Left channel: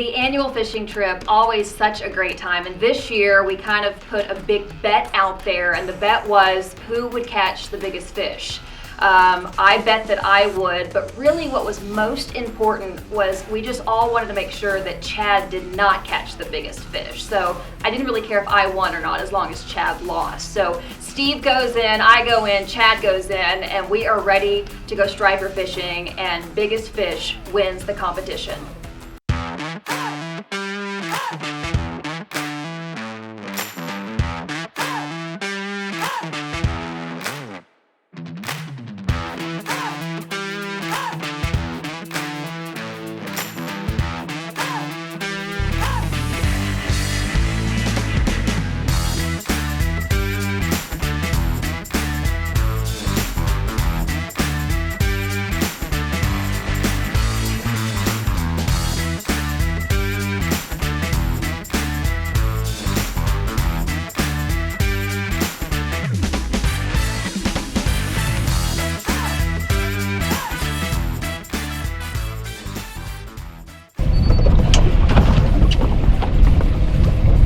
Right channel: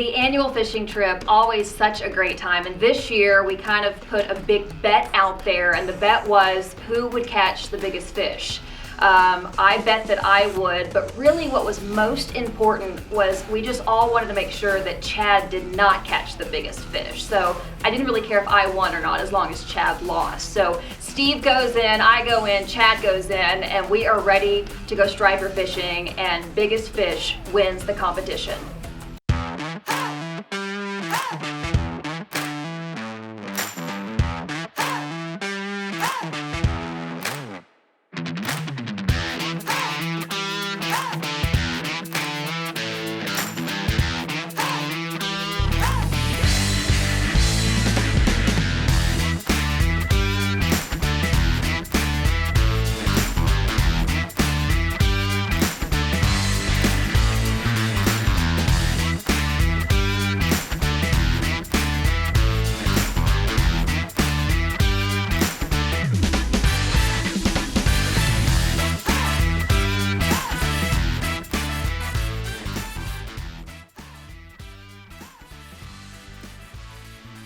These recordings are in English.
The annual fishing trip, always such a great time. And this year we kind of put a big bet out there, and the bet was who would catch the biggest fish. I bet that I would, but really what was most important was we just all wanted to make sure that Chad did not catch the biggest fish. So I didn't really care if I won or not as long as Chad lost. So Steve goes in, I go in, Chad goes in, and we are ready to go striper fishing, and biggest fish wins the competition.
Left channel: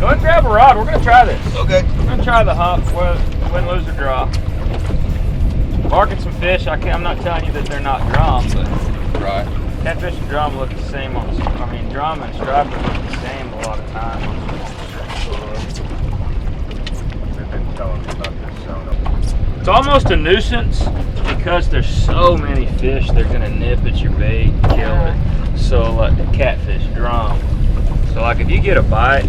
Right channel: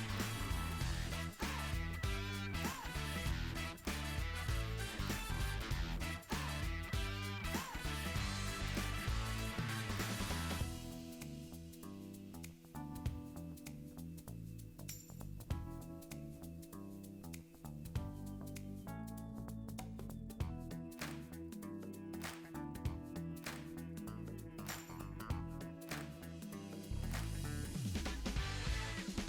Go ahead and grab a rod. We're going to try this. Okay. We're going to try the hump, win, lose, or draw. Marking some fish. I'm not telling you that they're not drum, but Right. catfish and drum look the same on. Drum and striper look the same a lot of times. They've been telling me about this zone. It's almost a nuisance because there's so many fish. They're going to nip at your bait, kill it. So like the catfish, drum. So like if you get a bite,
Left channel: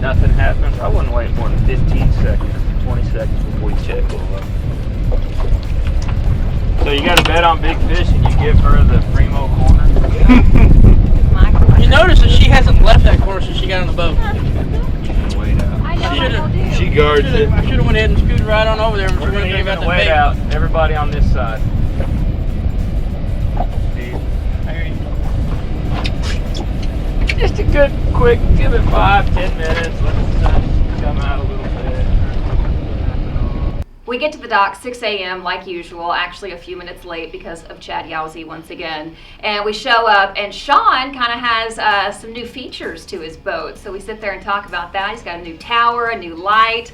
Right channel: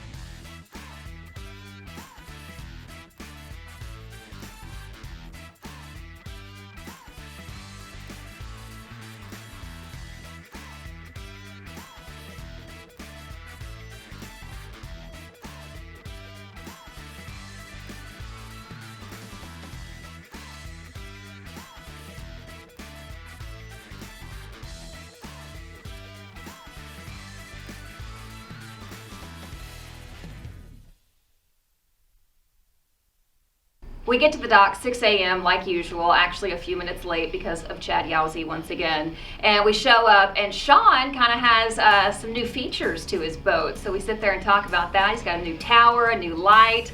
nothing happens, I wouldn't wait more than 15 seconds, 20 seconds before you check it. So you got to bet on big fish and you give her the primo corner. You notice that she hasn't left that corner since she got on the boat. Wait out. She guards it. I should have went ahead and scooted right on over there and We're going to about even the wait bait. out. Everybody on this side. Just a good, quick, give it 5-10 minutes, let the sun come out a little bit. We get to the dock 6 a.m. like usual, actually a few minutes late because of Chad Yowzy once again. And we show up, and Sean kind of has some new features to his boat. So we sit there and talk about that. He's got a new tower, a new light.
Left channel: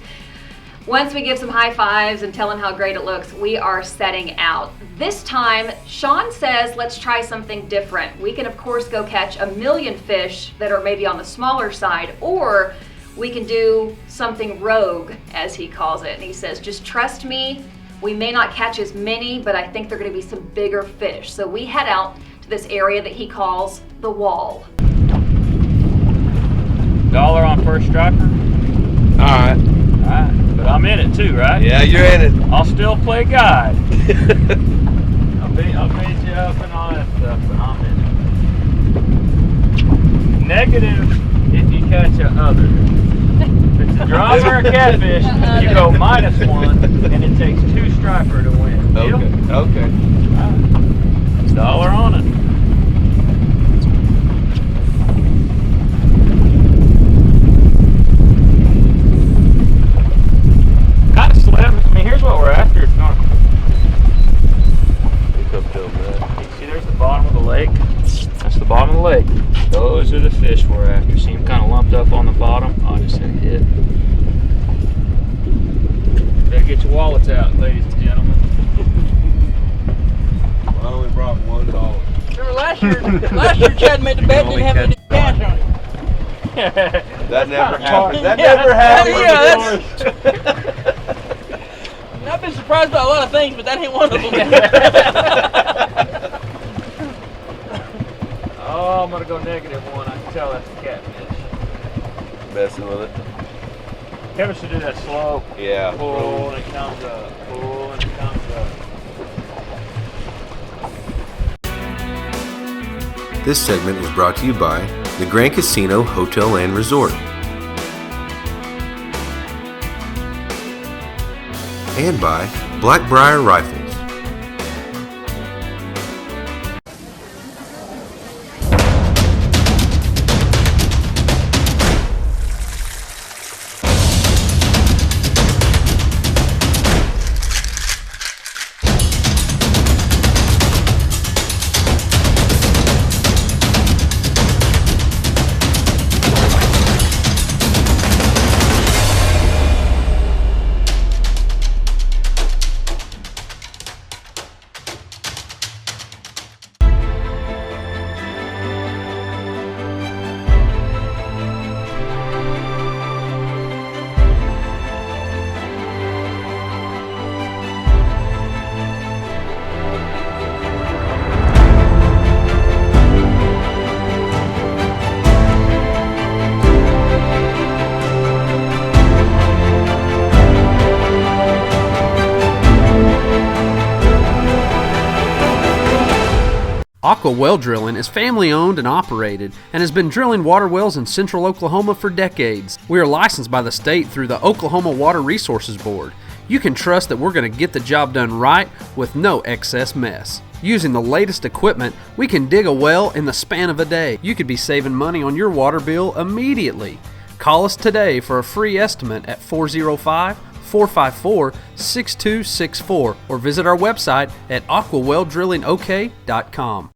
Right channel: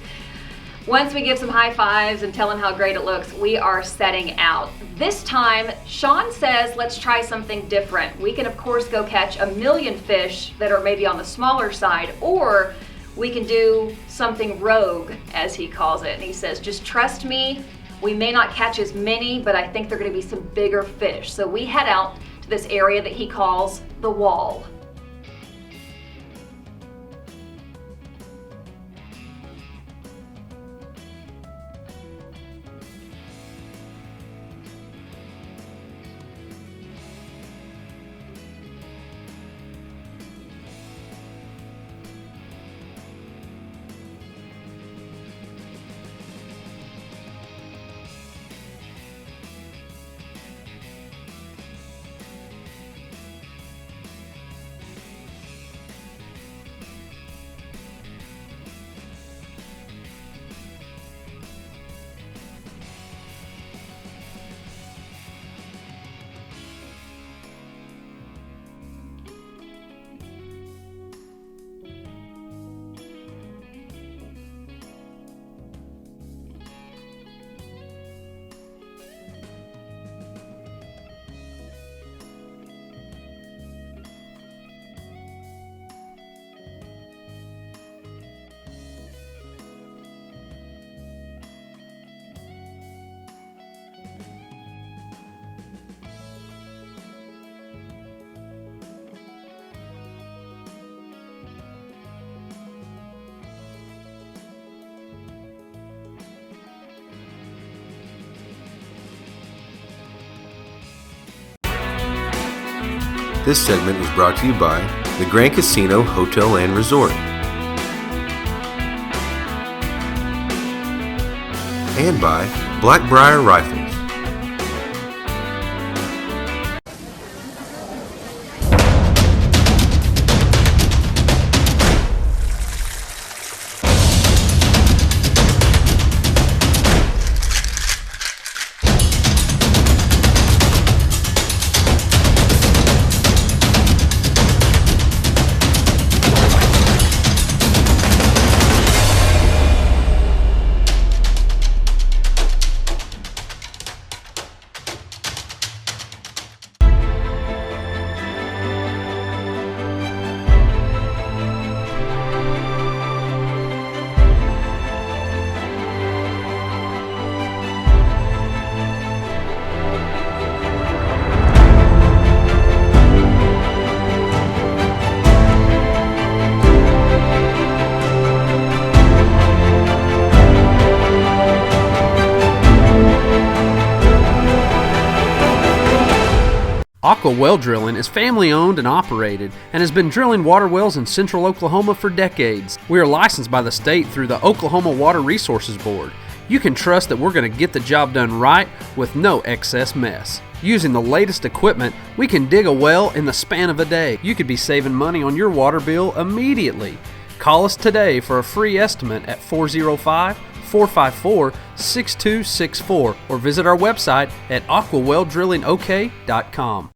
Once we give some high fives and tell him how great it looks, we are setting out. This time, Sean says, let's try something different. We can, of course, go catch a million fish that are maybe on the smaller side, or we can do something rogue, as he calls it. And he says, just trust me, we may not catch as many, but I think they're gonna be some bigger fish. So we head out to this area that he calls the wall. $1 on first striper? Alright. Alright, but I'm in it too, right? Yeah, you're in it. I'll still play guide. I'll beat you up and all that stuff, but I'm in it. Negative if you catch a other. If it's a drum or a catfish, you go -1, and it takes 2 striper to win. Deal? Okay. $1 on it. Kind of slim. I mean, here's what we're after. It's not. See, there's the bottom of the lake. That's the bottom of the lake. Those are the fish we're after. See them kind of lumped up on the bottom? Oh, I just hit a hit. Better get your wallets out, ladies and gentlemen. I only brought $1. Remember last year Chad made the bet, didn't have any cash on it. That never happened. That Yeah, never happened. yeah, And I've been surprised by a lot of things, but that ain't one of them. Oh, I'm gonna go -1. I can tell that's a catfish. Messing with it. Kevin should do that slow. Yeah. Pull and it comes up. Pull and it comes up. This segment is brought to you by the Grand Casino Hotel and Resort and by Blackbriar Rifles. Aqua Well Drilling is family owned and operated and has been drilling water wells in central Oklahoma for decades. We are licensed by the state through the Oklahoma Water Resources Board. You can trust that we're going to get the job done right with no excess mess. Using the latest equipment, we can dig a well in the span of a day. You could be saving money on your water bill immediately. Call us today for a free estimate at 405-454-6264 or visit our website at aquaweldrillingok.com.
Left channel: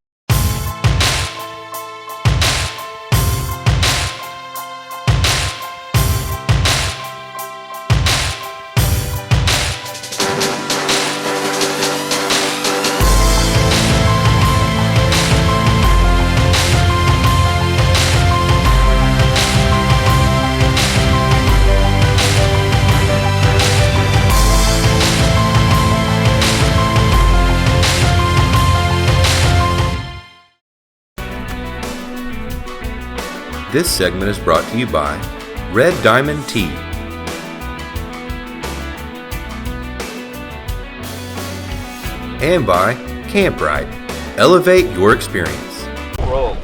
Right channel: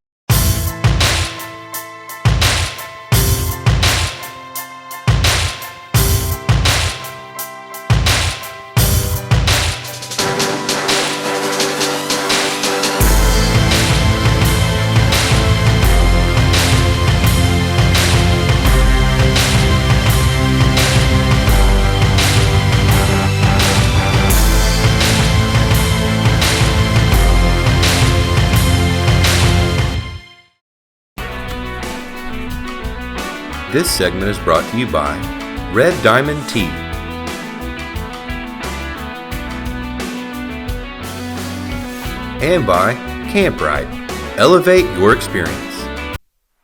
This segment is brought to you by Red Diamond Tea. And by Camprite. Elevate your experience. Roll.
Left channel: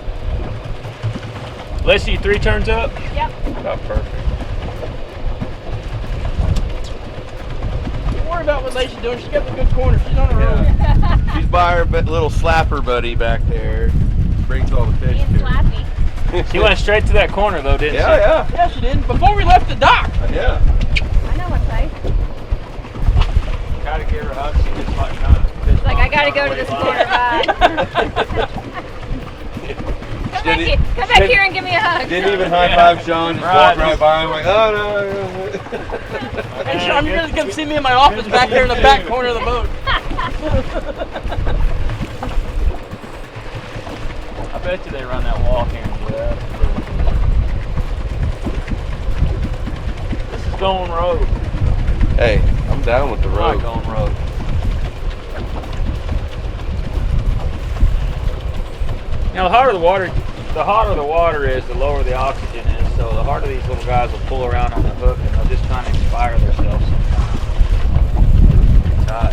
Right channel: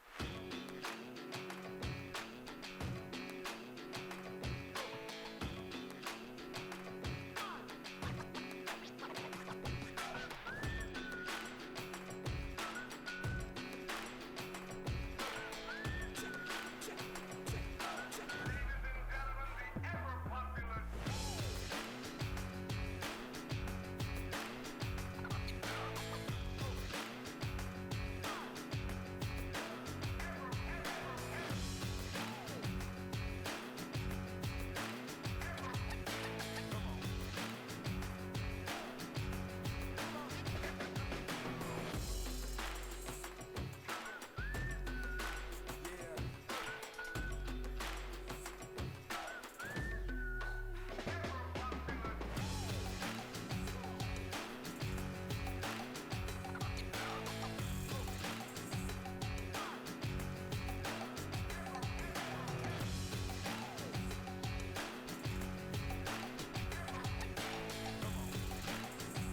Leslie, 3 turns up? Yep. About perfect. Don't worry about what Lacey's doing. She's got the good corner. She's on the road. She's by her little slapper buddy back there. Brings all the fish to her. She went straight to that corner though, didn't she? Yeah, Yeah, she did. Before we left the dock. yeah. I know what's safe. Gotta give her a hug. She gets like kind of. Like, I gotta go to this corner, bye. Come back here and give me a hug. Didn't even high five Sean. Just walked right by him like, oh no. Hey, Sean, you're just going to see me in my office back there in the back corner of the boat. I bet you they run that walk in. Yeah. This is going road. Hey, I'm down with the I like road. going road. Now, the hotter the water is, the lower the oxygen is. So the harder these little guys will pull around on the hook, and they'll just kind of expire themselves sometimes. It's hot.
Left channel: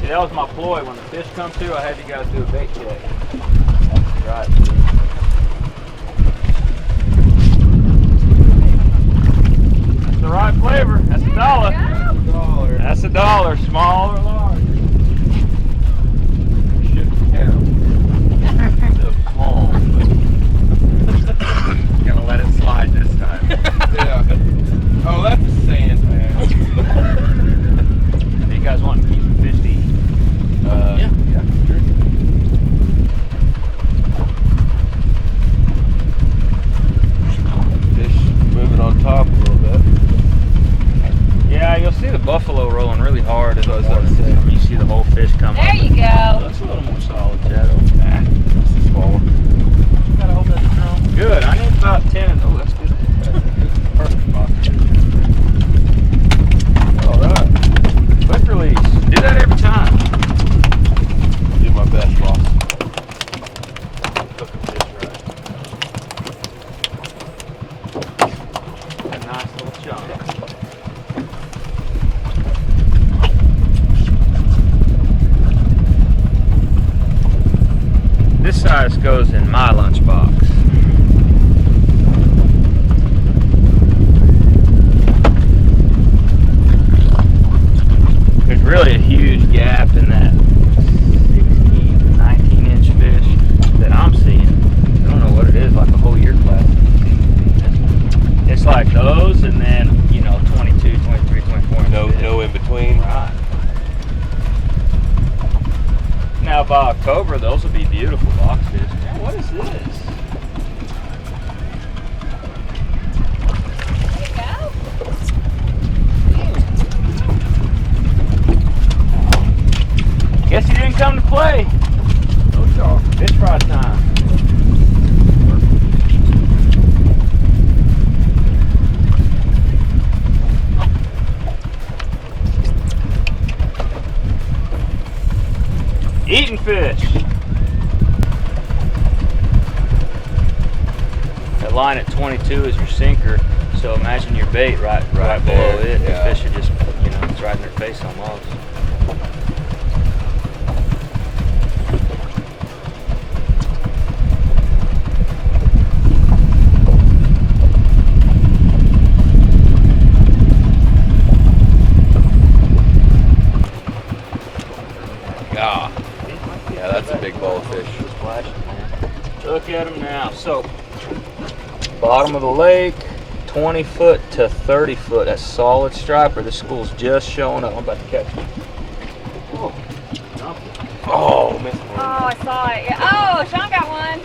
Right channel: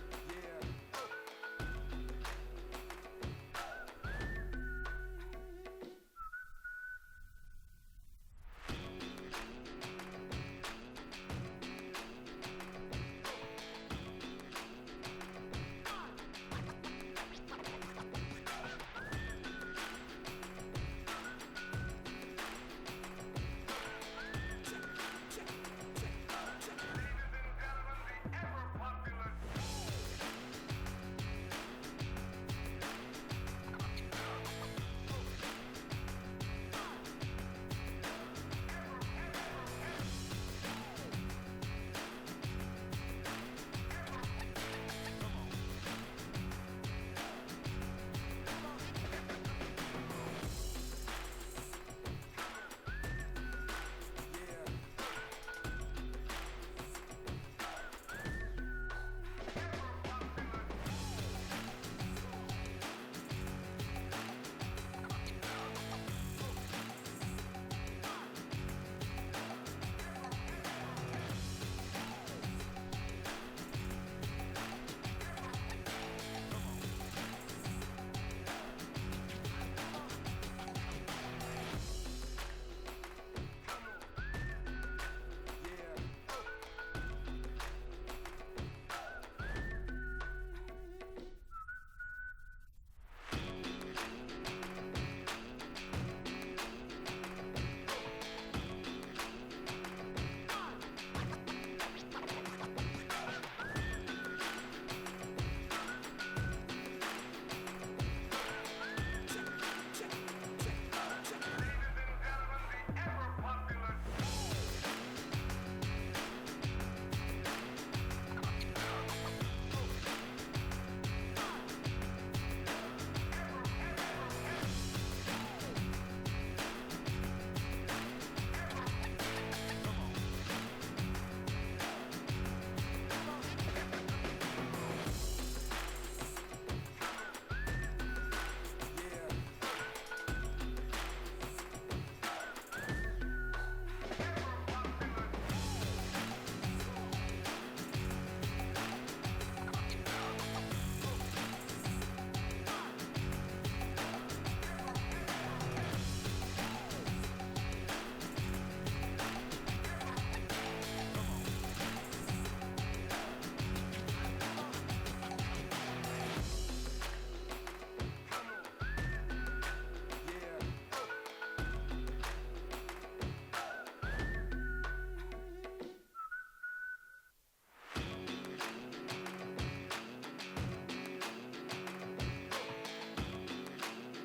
See, that was my ploy. When the fish come through, I had you guys do a bait check. Right. That's the right flavor. That's $1. That's $1. Small or large? Small. Gonna let it slide this time. Yeah. Oh, that's the sand, man. You guys want to keep 50? Yeah. Fish moving on top a little bit. Yeah, you'll see the buffalo rolling really hard in the water. You see the whole fish come There up. you go. That's a little more solid, Shadow. Nah, this is small. Gotta hope that's strong. Good. I need about 10. Oh, that's good. Perfect spot. All right. Quick release. Do that every time. Do my best, boss. Look at this right. A nice little chunk. This size goes in my lunchbox. There's really a huge gap in that 16 to 19 inch fish that I'm seeing. I don't know what it is, like a whole year class. It's like those and then, 22, 23, 24 inch fish. No in between. Right. Now by October, those will be beautiful boxes. Man, what is this? Guess you didn't come to play. No shark. Fish fry time. Eating fish. That line at 22 is your sinker. So imagine your bait right below there, it. yeah. The fish are just, it's right in their face almost. Ah, yeah, that's a big ball of fish. Look at them now. So, bottom of the lake, 20 foot to 30 foot. That's solid striper. This school's just showing up. I'm about to catch it. Oh, missed one. Oh, I saw it. Yeah. Oh, Sean got one.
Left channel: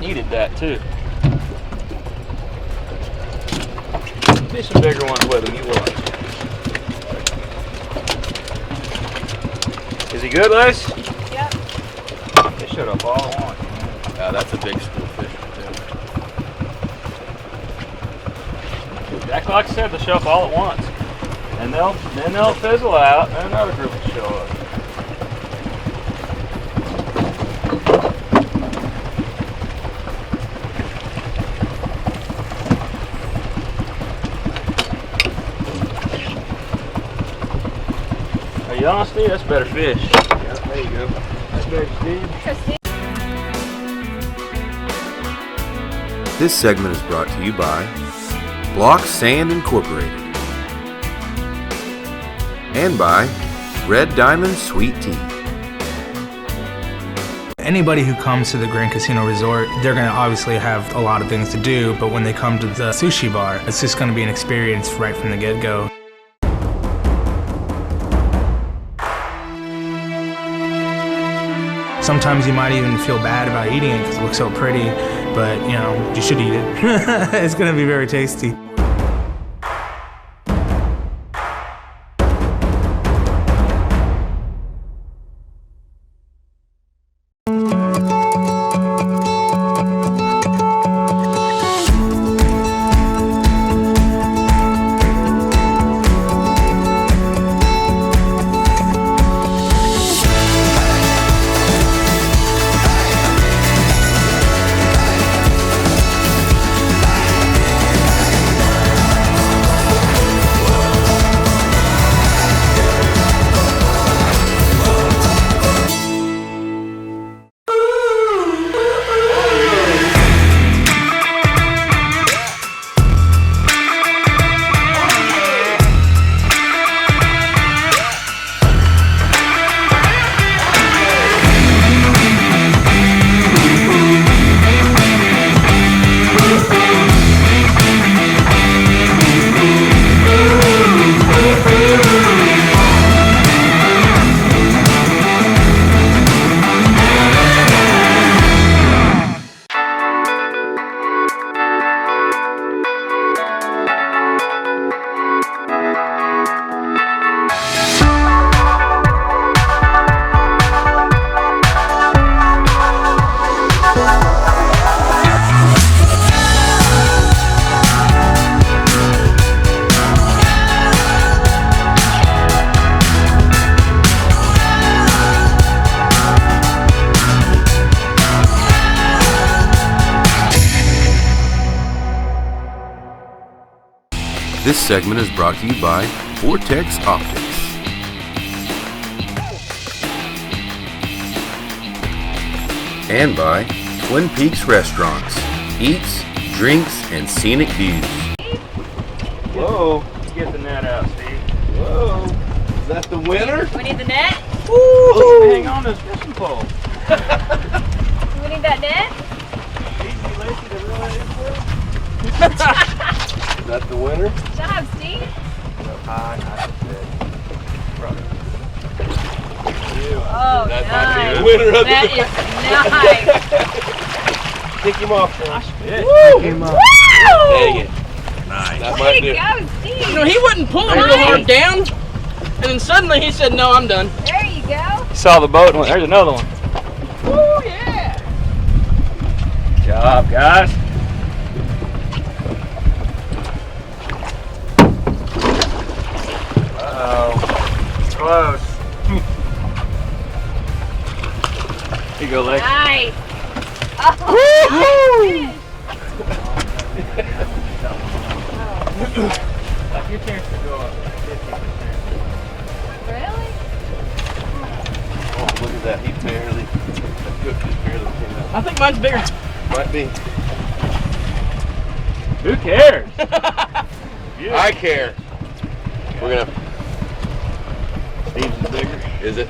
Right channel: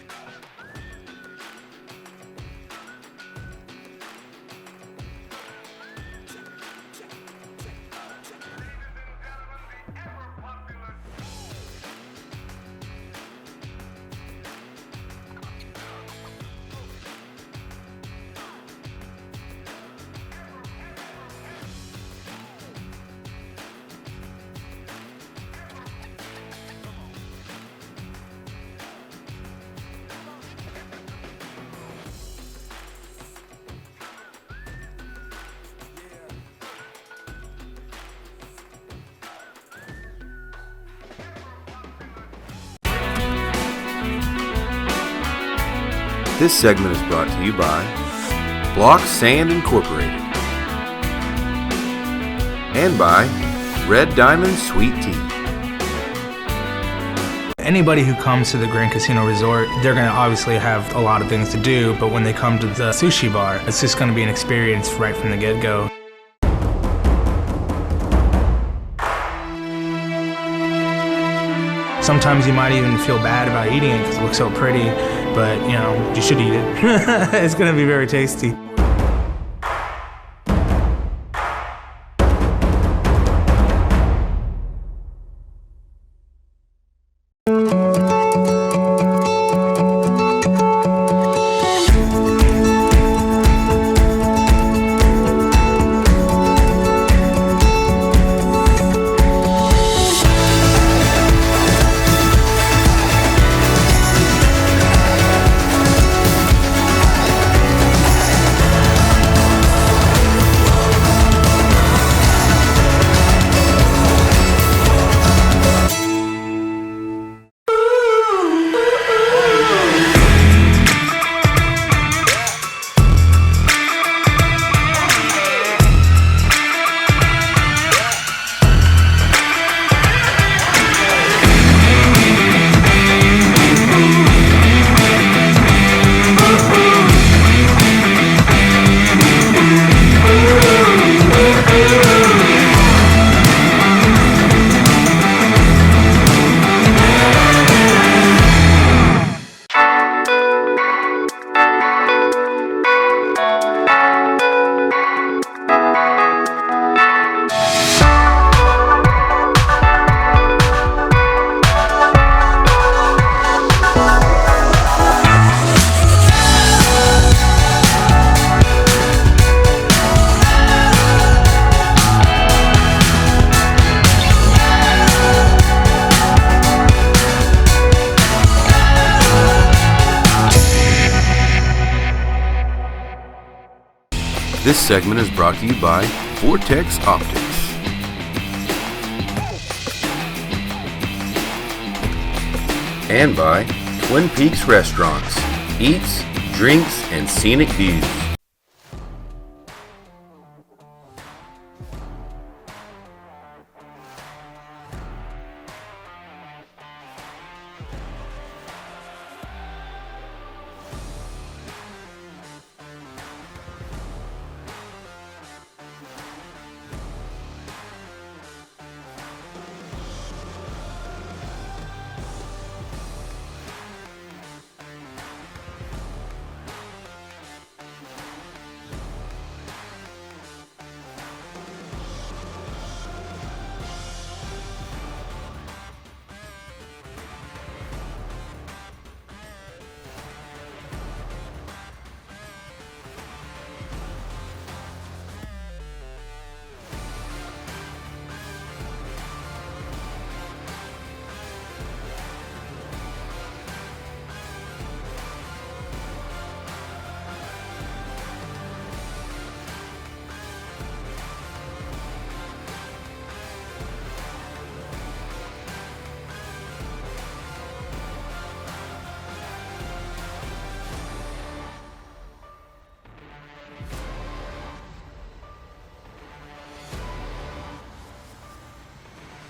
Needed that too. Fish some bigger ones with him, you will. Is he good, Les? Yep. They showed up all at once. Yeah, that's a big school fish. Exactly like I said, they'll show up all at once. And then they'll fizzle out and another group will show up. Are you honest, Steve? That's better fish. Yeah, there you go. That's better, Steve. This segment is brought to you by Block Sand Incorporated and by Red Diamond Sweet Tea. Anybody who comes to the Grand Casino Resort, they're going to obviously have a lot of things to do, but when they come to the sushi bar, it's just going to be an experience right from the get-go. Sometimes you might even feel bad about eating it because it looks so pretty, but you should eat it. It's going to be very tasty. This segment is brought to you by Vortex Optics and by Twin Peaks Restaurants, Eats, Drinks, and Scenic Views. Whoa, Get the net out, Steve. whoa. Is that the winner? Do we need the net? Woo! Hang on to this fishing pole. Do we need that net? Is that the winner? Good job, Steve. Oh, That nice. might be the winner of That the is nice. Kick him off, Sean. Woo! Dang it. Nice. That might Way be to go, Steve. He wasn't pulling real hard down, and then suddenly he said, "No, I'm done." There you go. Saw the boat and went, there's another one. Oh yeah. Good job, guys. Uh-oh. Close. Here you go, Lex. Nice. Oh, Your chance to go up. Really? Oh, look at that. He barely. That good fish barely came out. I think mine's bigger. Might be. Who cares? I care. We're gonna. Steve's bigger. Is it?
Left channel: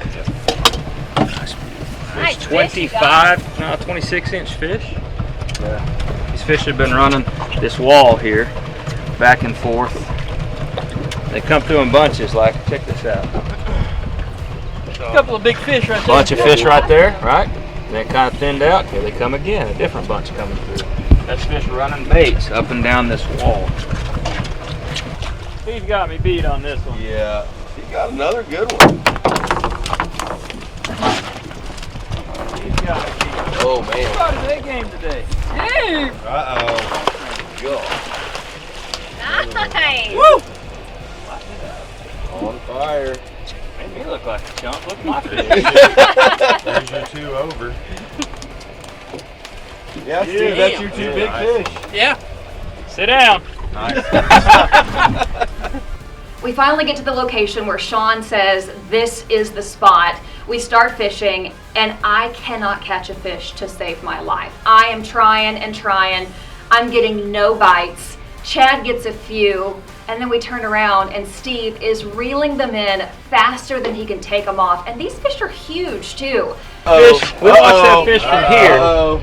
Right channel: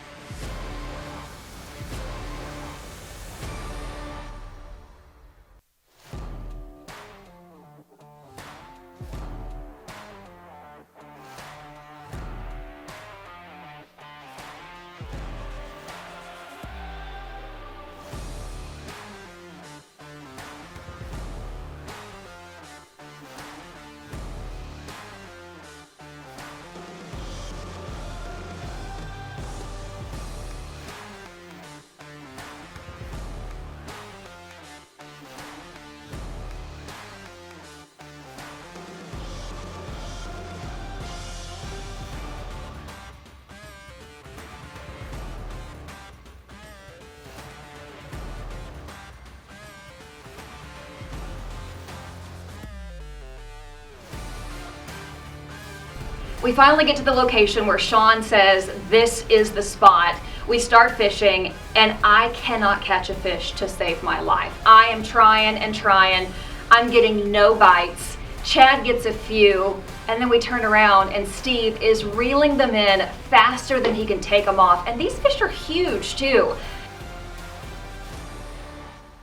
Nice There's fish, you guys. 26-inch fish. These fish have been running this wall here, back and forth. They come through in bunches. Like, check this out. A couple of big fish right there. Bunch of fish right there, right? Then kind of thinned out. Here they come again. A different bunch coming through. That's fish running baits up and down this wall. Steve got me beat on this one. Yeah. He got another good one. He's got me beat. Oh man. How about his A game today? Uh-oh. Nice. Woo! On fire. Made me look like a chump. Look at my fish. There's your 2 over. Yeah, Steve, that's your 2 big fish. Yeah. Sit down. We finally get to the location where Sean says this is the spot. We start fishing and I cannot catch a fish to save my life. I am trying and trying. I'm getting no bites. Chad gets a few, and then we turn around and Steve is reeling them in faster than he can take them off. And these fish are huge too. Fish. We watch that fish from here. Uh-oh.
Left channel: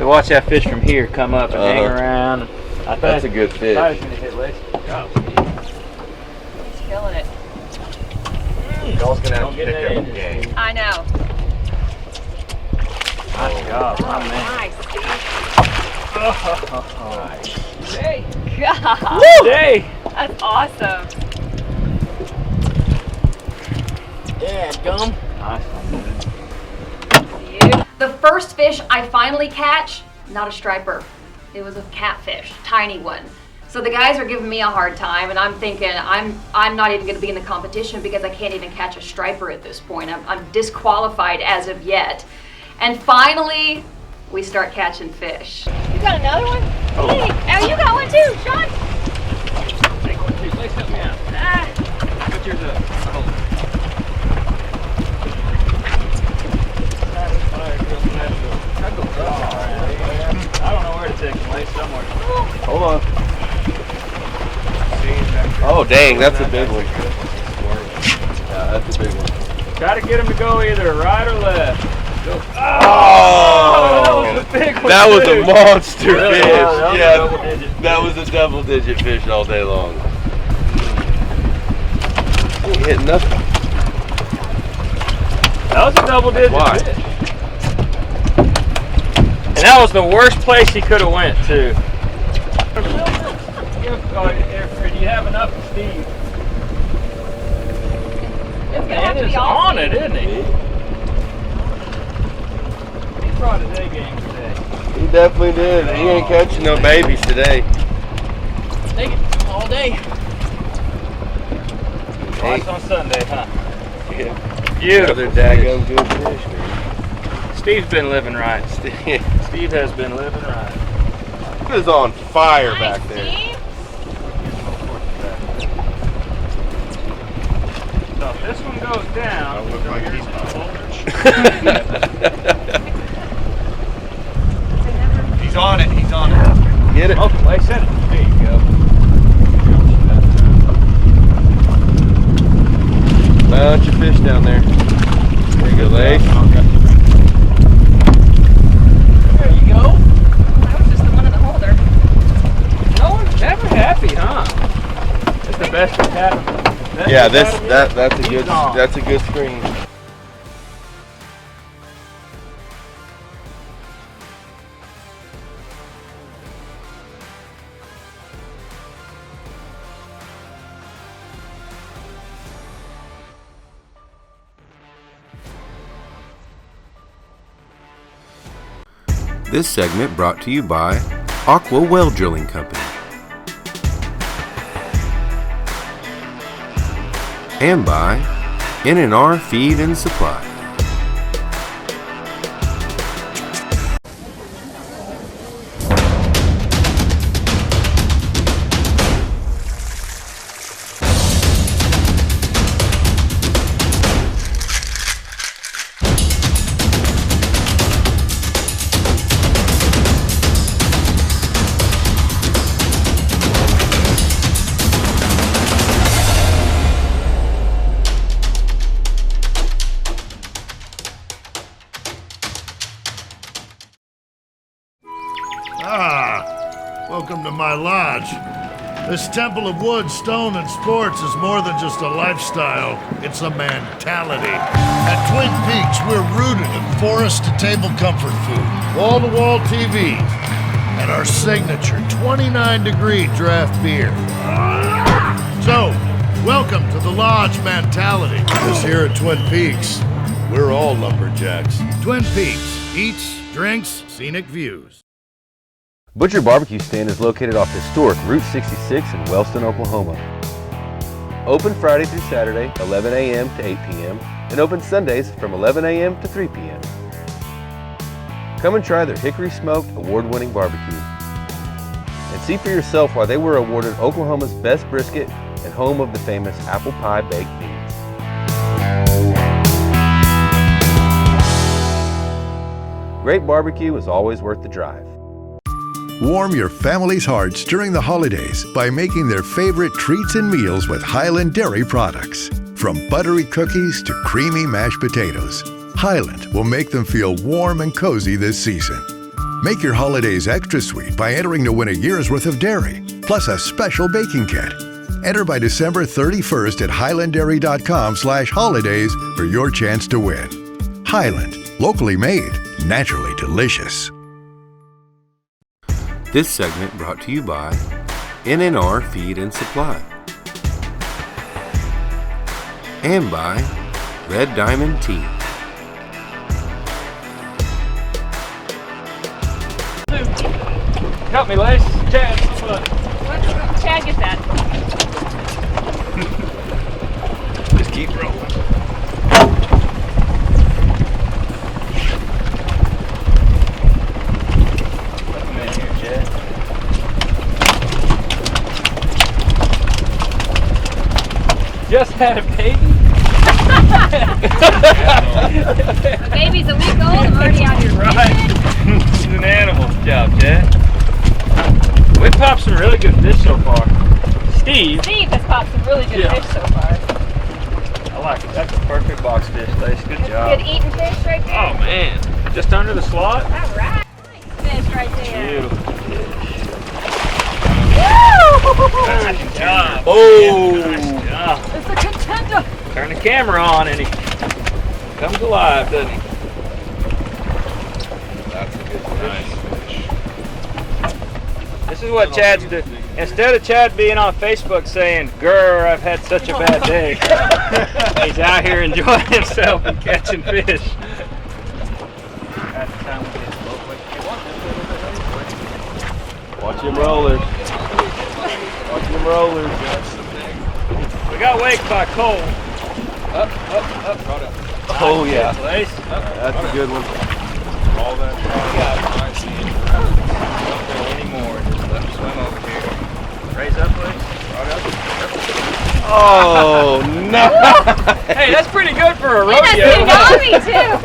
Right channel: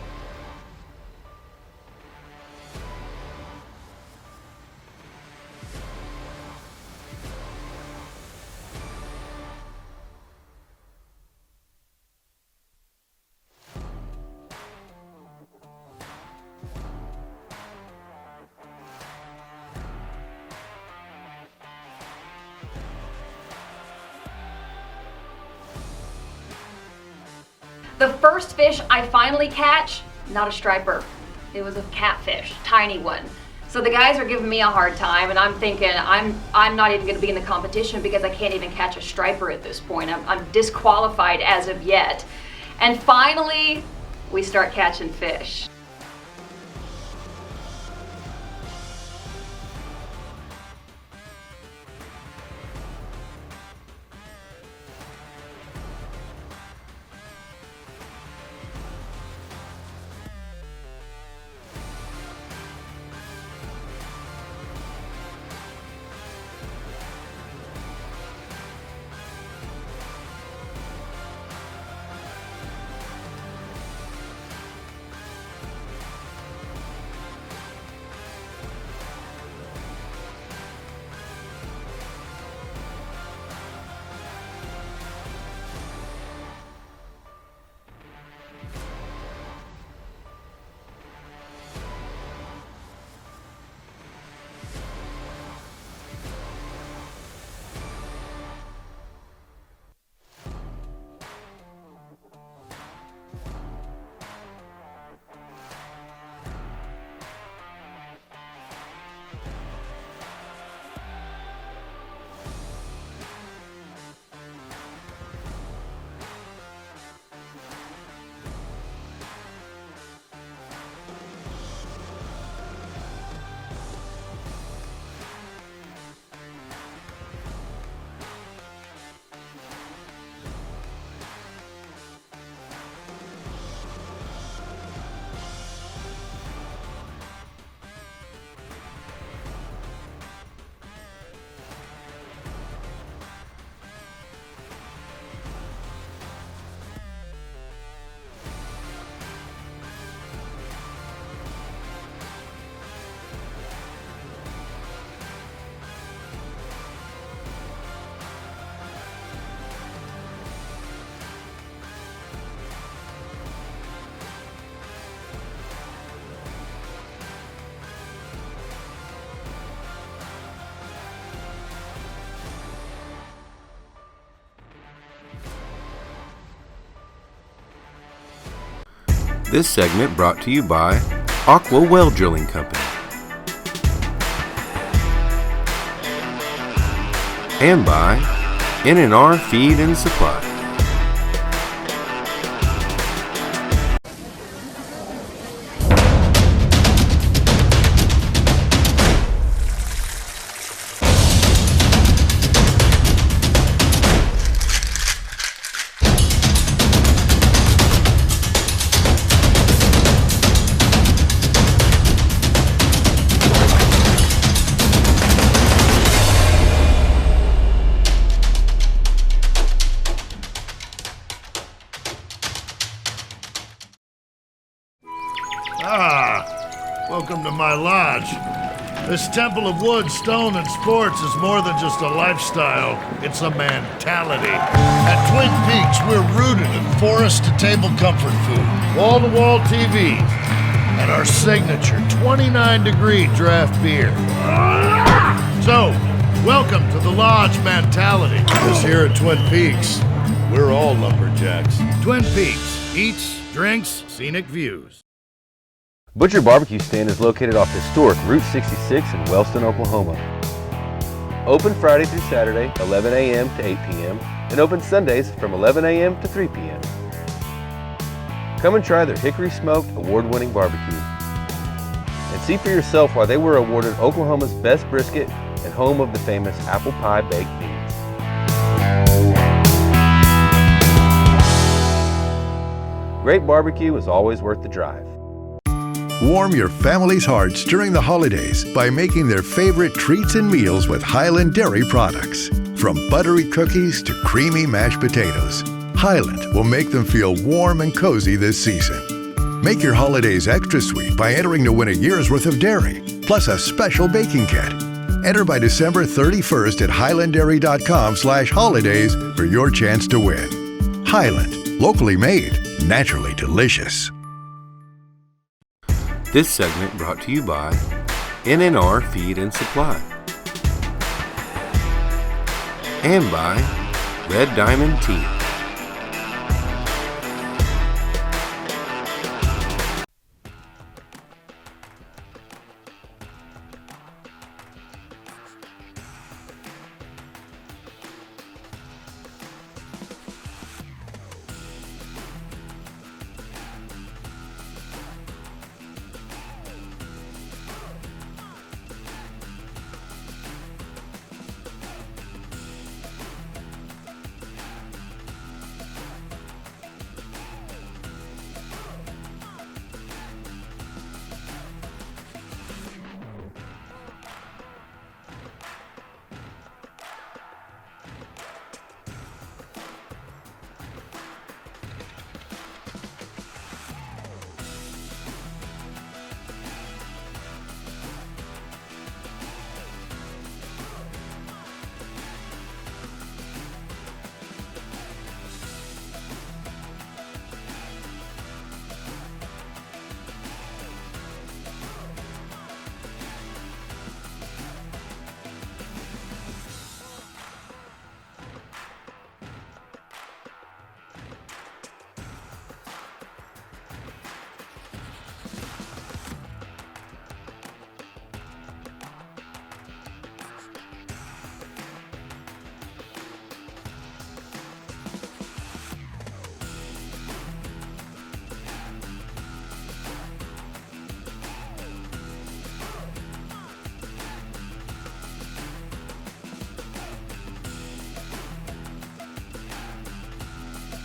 We watch that fish from here come up and hang around. I thought That's a good fish. I was gonna hit Lacey. Go. He's killing it. Y'all's gonna have Don't to get pick that up in the there. game. I know. Nice job, my man. Nice, Steve. Oh, Great God. hey. That's awesome. Yeah, gum. Nice. The first fish I finally catch, not a striper. It was a catfish, tiny one. So the guys are giving me a hard time, and I'm thinking I'm not even going to be in the competition because I can't even catch a striper at this point. I'm disqualified as of yet. And finally, we start catching fish. You got another one? Hey, oh, you got one too, Sean. Take one too. Lace help me out. Put yours up. I don't know where to take them. Lace somewhere. Hold on. Oh, dang, that's a big one. Yeah, that's a big one. Try to get them to go either right or left. Go. Oh! That was a big one. That was too. a monster Really? fish. Yeah, that was a Yeah, double-digit that was a double-digit fish all day long. He ain't hitting nothing. That was a double-digit Why? fish. And that was the worst place he could have went to. Do you have enough for Steve? It's gonna have Man to is be all on Steve. it, isn't he? He brought his A game today. He definitely did. He ain't catching no babies today. Take it all day. Watch on Sunday, huh? Yeah. Beautiful. Another daggum good fish. Steve's been living right. Steve Steve has been living right. is on fire Nice, back there. Steve. So if this one goes down, He's on it. He's on it. Get it. oh, like I said, there you go. Bunch of fish down there. There you go, Lace. There you go. That was just the one in the holder. No one's ever happy, huh? It's the best it's happened. Yeah, that's a good screen. This segment brought to you by Aqua Well Drilling Company and by N&R Feed and Supply. my lodge. This temple of wood, stone, and sports is more than just a lifestyle, it's a mentality. At Twin Peaks, we're rooted in forest-to-table comfort food, wall-to-wall TVs, and our signature 29-degree draft beer. So, welcome to the Lodge mentality. Because here at Twin Peaks, we're all lumberjacks. Twin Peaks, eats, drinks, scenic views. Butcher Barbecue Stand is located off historic Route 66 in Wellston, Oklahoma. Open Friday through Saturday, 11 a.m. to 8 p.m., and open Sundays from 11 a.m. to 3 p.m. Come and try their Hickory Smoked award-winning barbecue. And see for yourself why they were awarded Oklahoma's best brisket and home of the famous apple pie baked beans. Great barbecue is always worth the drive. Warm your family's hearts during the holidays by making their favorite treats and meals with Highland Dairy products. From buttery cookies to creamy mashed potatoes, Highland will make them feel warm and cozy this season. Make your holidays extra sweet by entering to win a year's worth of dairy, plus a special baking kit. Enter by December 31st at highlanddairy.com/holidays for your chance to win. Highland, locally made, naturally delicious. This segment brought to you by NNR Feed and Supply and by Red Diamond Tea. Help me, Lace. Chad. Chad, get that. Just keep rolling. Just had a baby? The baby's a week old, I'm already out here. Right. He's an animal. Good job, Chad. We popped some really good fish so far. Steve Steve has popped some really good fish so far. I like it. That's a perfect box fish, Lace. Good job. Good eating fish right there. Oh, man. Just under the slot? All right. Fish right there. Beautiful. Woo! Good job. Oh! Nice job. It's a contender. Turn the camera on and he comes alive, doesn't he? That's a good nice fish. This is what Chad's doing. Instead of Chad being on Facebook saying, "Grr, I've had such a bad day," he's out here enjoying himself and catching fish. Watch them rollers. Watch them rollers. We got waked by Cole. Up. Oh, yeah. Lace. That's a good one. All that. Don't go anymore. Just let him swim over here. Raise up, Lace. Right up. Oh, no. Hey, that's pretty good for a And that's rodeo. tsunami too.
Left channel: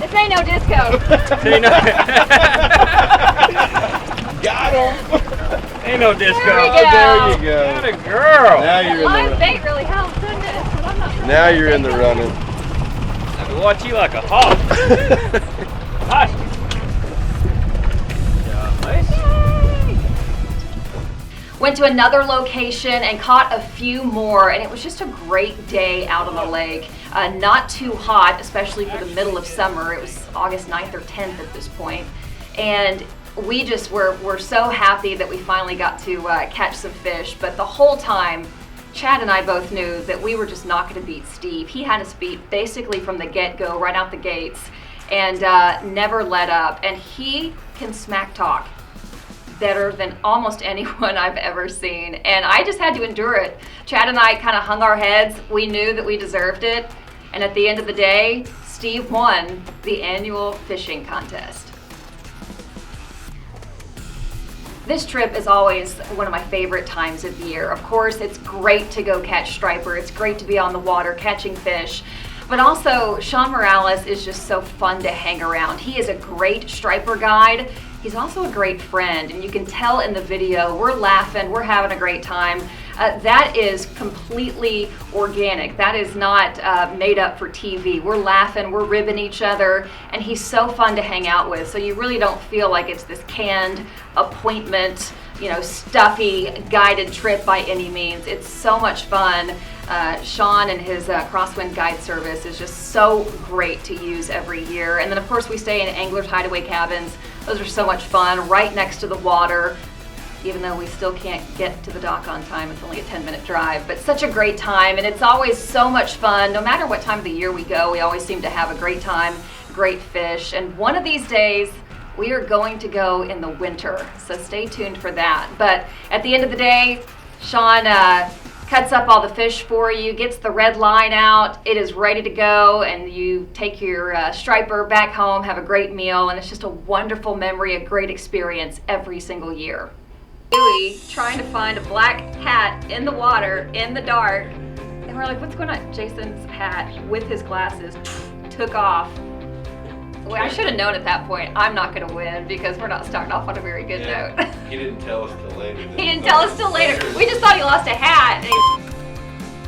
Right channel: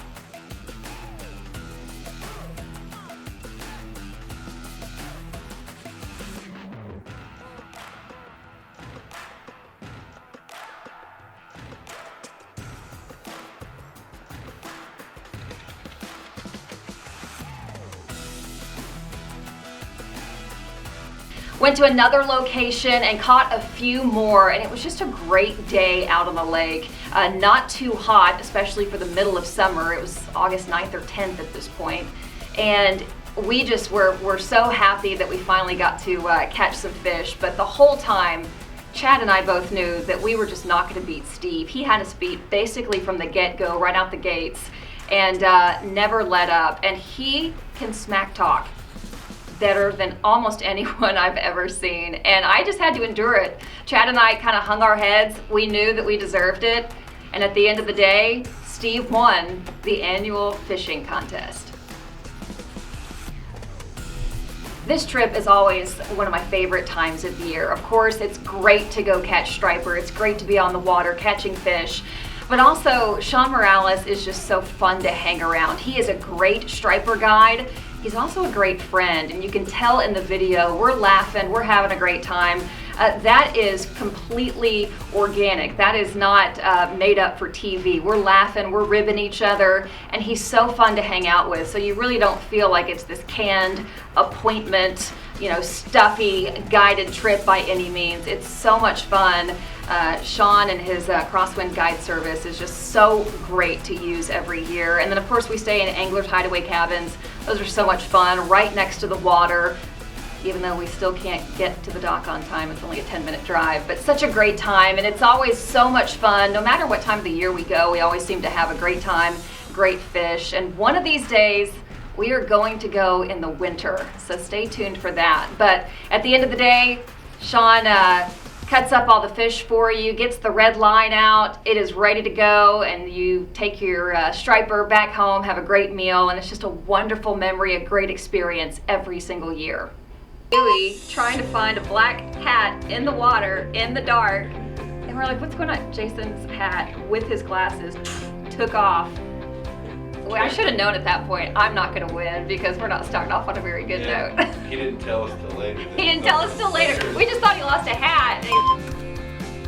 This ain't no disco. Got him. Ain't no disco. There we go. There you go. What a girl. Now you're in Live the bait really helps, doesn't it? But I'm not sure now what you're in the bait running. I can watch you like a hawk. Hush. Went to another location and caught a few more, and it was just a great day out on the lake. Not too hot, especially for the middle of summer. It was August 9th or 10th at this point. And we just were so happy that we finally got to catch some fish. But the whole time, Chad and I both knew that we were just not going to beat Steve. He had us beat basically from the get-go, right out the gates, and never let up. And he can smack talk better than almost anyone I've ever seen. And I just had to endure it. Chad and I kind of hung our heads. We knew that we deserved it. And at the end of the day, Steve won the annual fishing contest. This trip is always one of my favorite times of the year. Of course, it's great to go catch striper. It's great to be on the water catching fish. But also, Sean Morales is just so fun to hang around. He is a great striper guide. He's also a great friend, and you can tell in the video, we're laughing, we're having a great time. That is completely organic. That is not made up for TV. We're laughing, we're ribbing each other, and he's so fun to hang out with. So you really don't feel like it's this canned appointment stuffy guided trip by any means. It's so much fun. Sean and his Crosswind Guide Service is just so great to use every year. And then of course we stay in Anglers Hideaway Cabins. Those are so much fun, right next to the water. Even though we still can't get to the dock on time, it's only a 10-minute drive, but such a great time, and it's always so much fun. No matter what time of the year we go, we always seem to have a great time, great fish, and one of these days, we are going to go in the winter, so stay tuned for that. But at the end of the day, Sean cuts up all the fish for you, gets the red line out, it is ready to go, and you take your striper back home, have a great meal, and it's just a wonderful memory, a great experience every single year. Dewey trying to find a black hat in the water in the dark, and we're like, what's going on? Jason's hat with his glasses took off. Well, I should have known at that point I'm not going to win because we're not starting off on a very good note. He didn't tell us till later. He didn't tell us till later. We just thought he lost a hat.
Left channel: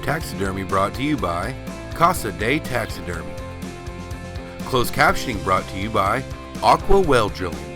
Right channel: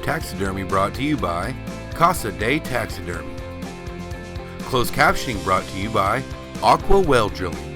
Taxidermy brought to you by Casa de Taxidermy. Closed captioning brought to you by Aqua Well Drilling.